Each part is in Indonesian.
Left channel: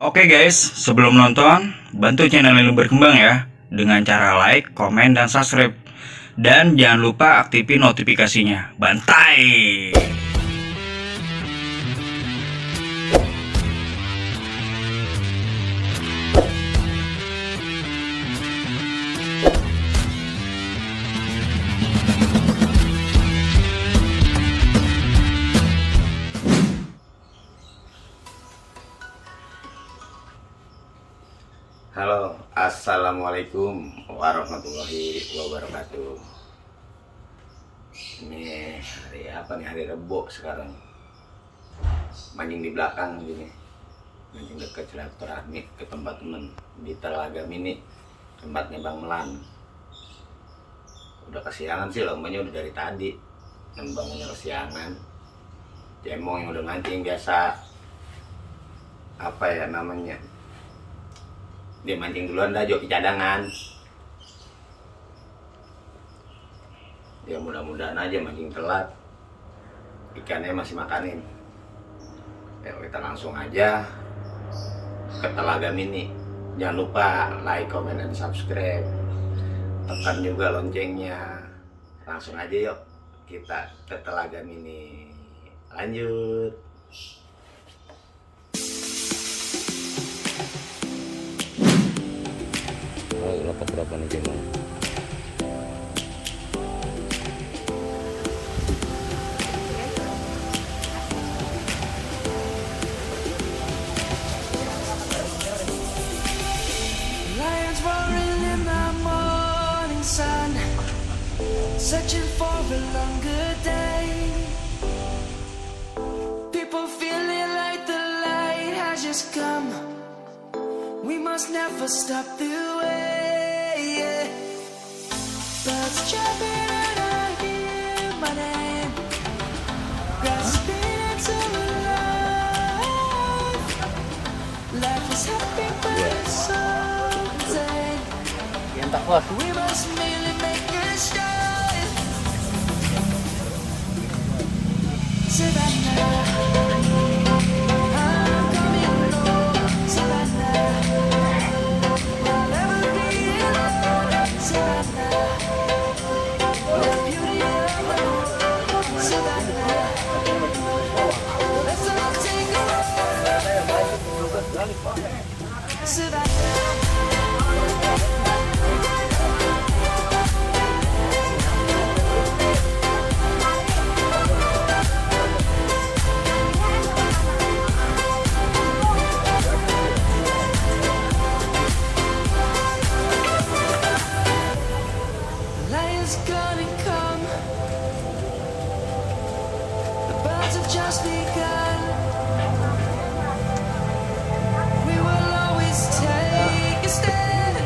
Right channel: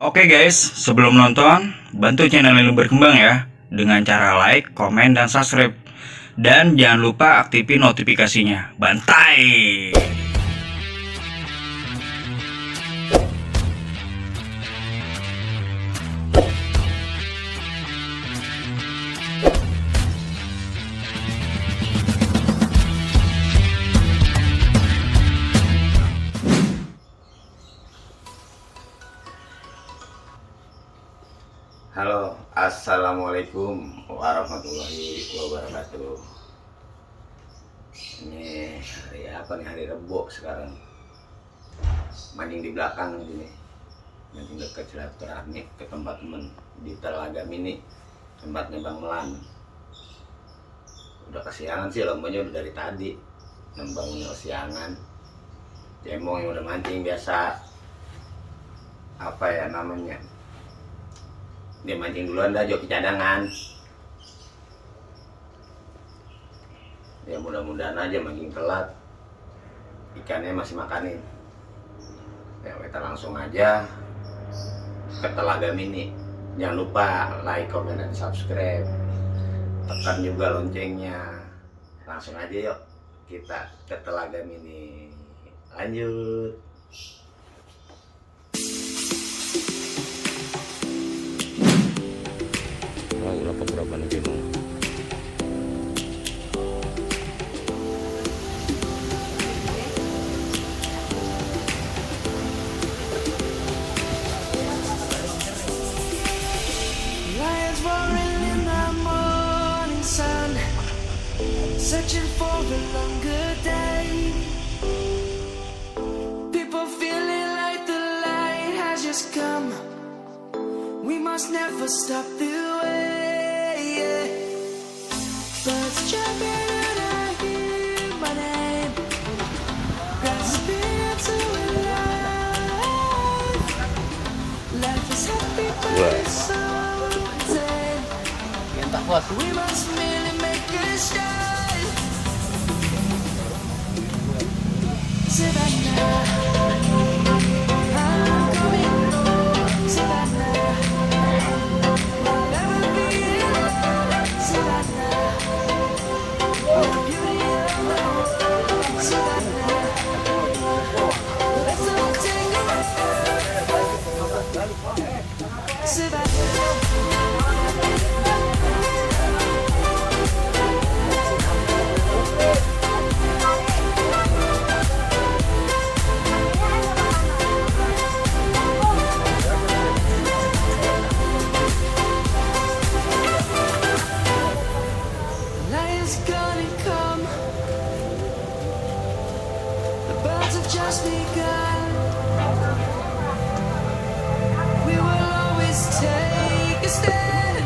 Oke guys, sebelum nonton, bantu channel ini berkembang ya dengan cara like, komen, dan subscribe. Dan jangan lupa aktifin notifikasinya. Bantai! Halo, assalamualaikum warahmatullahi wabarakatuh. Ini hari apa nih? Hari Rabu sekarang. Mancing di belakang gini, mancing dekat silaturahmi ke tempat temen di Telaga Mini, tempatnya Bang Melan. Udah kesiangan sih, lombanya udah dari tadi. Bangunnya kesiangan. Cemong yang udah mancing biasa, apa ya namanya? Dia mancing duluan dah, joki cadangan. Ya mudah-mudahan aja mancing telat, ikannya masih makanin. Ya kita langsung aja ke Telaga Mini. Jangan lupa like, komen, dan subscribe. Tekan juga loncengnya. Langsung aja yuk kita ke Telaga Mini. Lanjut. Oh, berapa nih cemong? Lions roaring in the morning sun, searching for a longer day. People feeling like the light has just come. We must never stop the way. Birds chirping and I hear my name, grasping into life. Life is happy but it's so insane. We must merely make a start. Savannah, I'm coming home. Savannah, we'll never be alone. Savannah, the beauty of the world. Savannah, let's all take a ride. Savannah. Gonna come. The birds have just begun. We will always take a stand.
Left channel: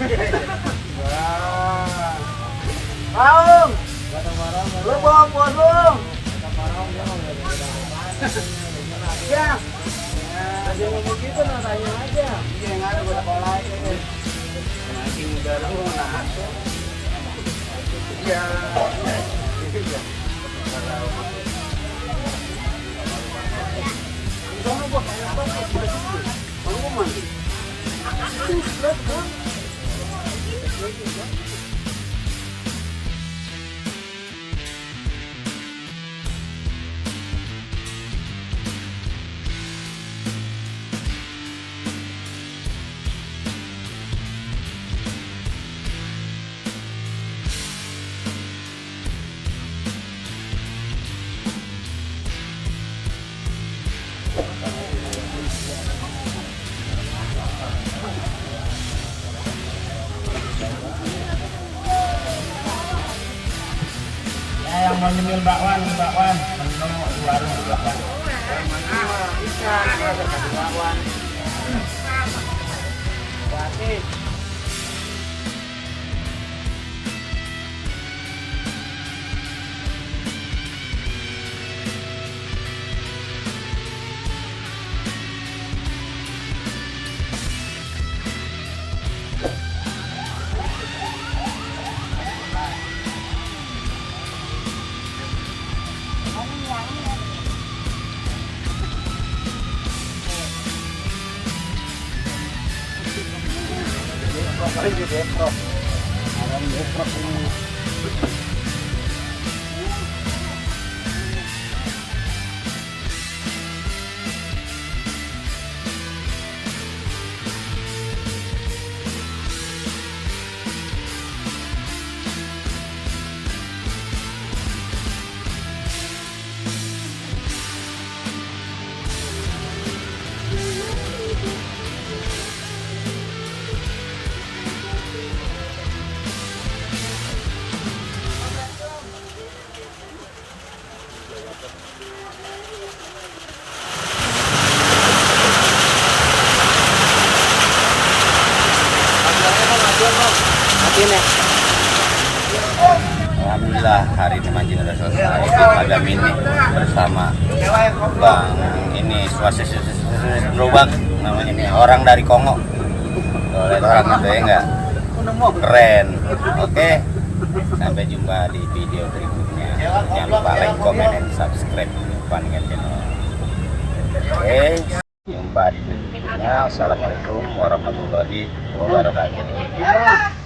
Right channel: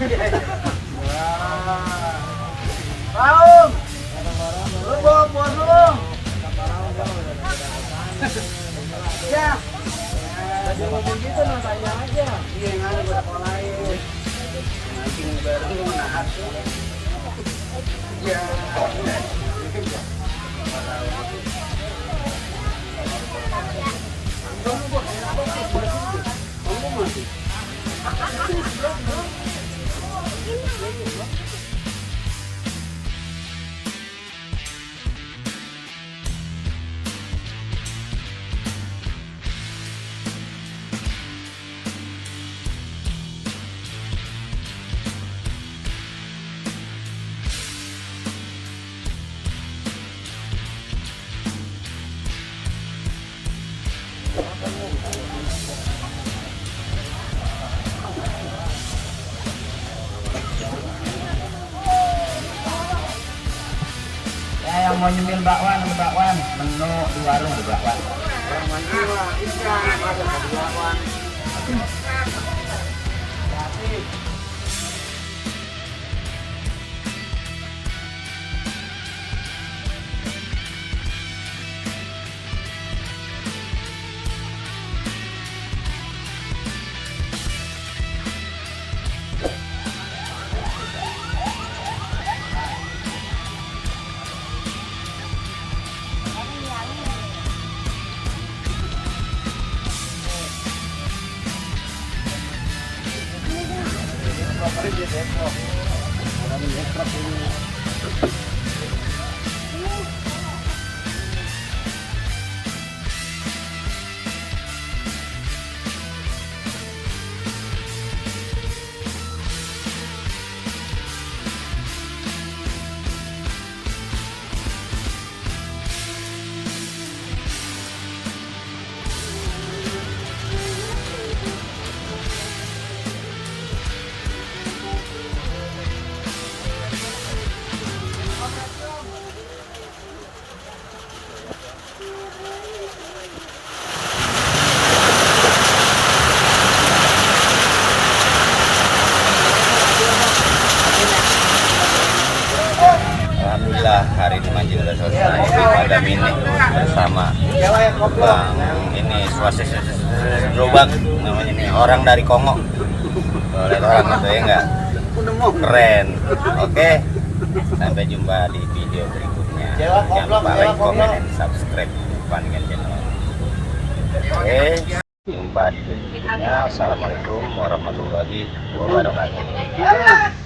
Bang, lu bawa buah dong. Ya, tadi ngomong gitu tanya aja. Ini yang ada gue udah lain. Mancing baru menahan tuh. Ya, mungkin ya. Bang, buat enak banget. Sebelah sini gue. Bang, mau mandi. Ini sebelah, Bang. Mau nyemil bakwan, mau di warung juga kan. Orang mancing mah ikan, ada kaki lawan. Gratis. Alhamdulillah hari ini mancing udah selesai di Telaga Mini bersama Lubang ini Lubang namanya nih, orang dari Kongo. Tuh, lihat orang itu ya enggak? Keren. Oke. Sampai jumpa di video berikutnya. Jangan lupa like, comment, dan subscribe Paningan channel. Oke. Jumpa di berikutnya. Assalamualaikum warahmatullahi wabarakatuh.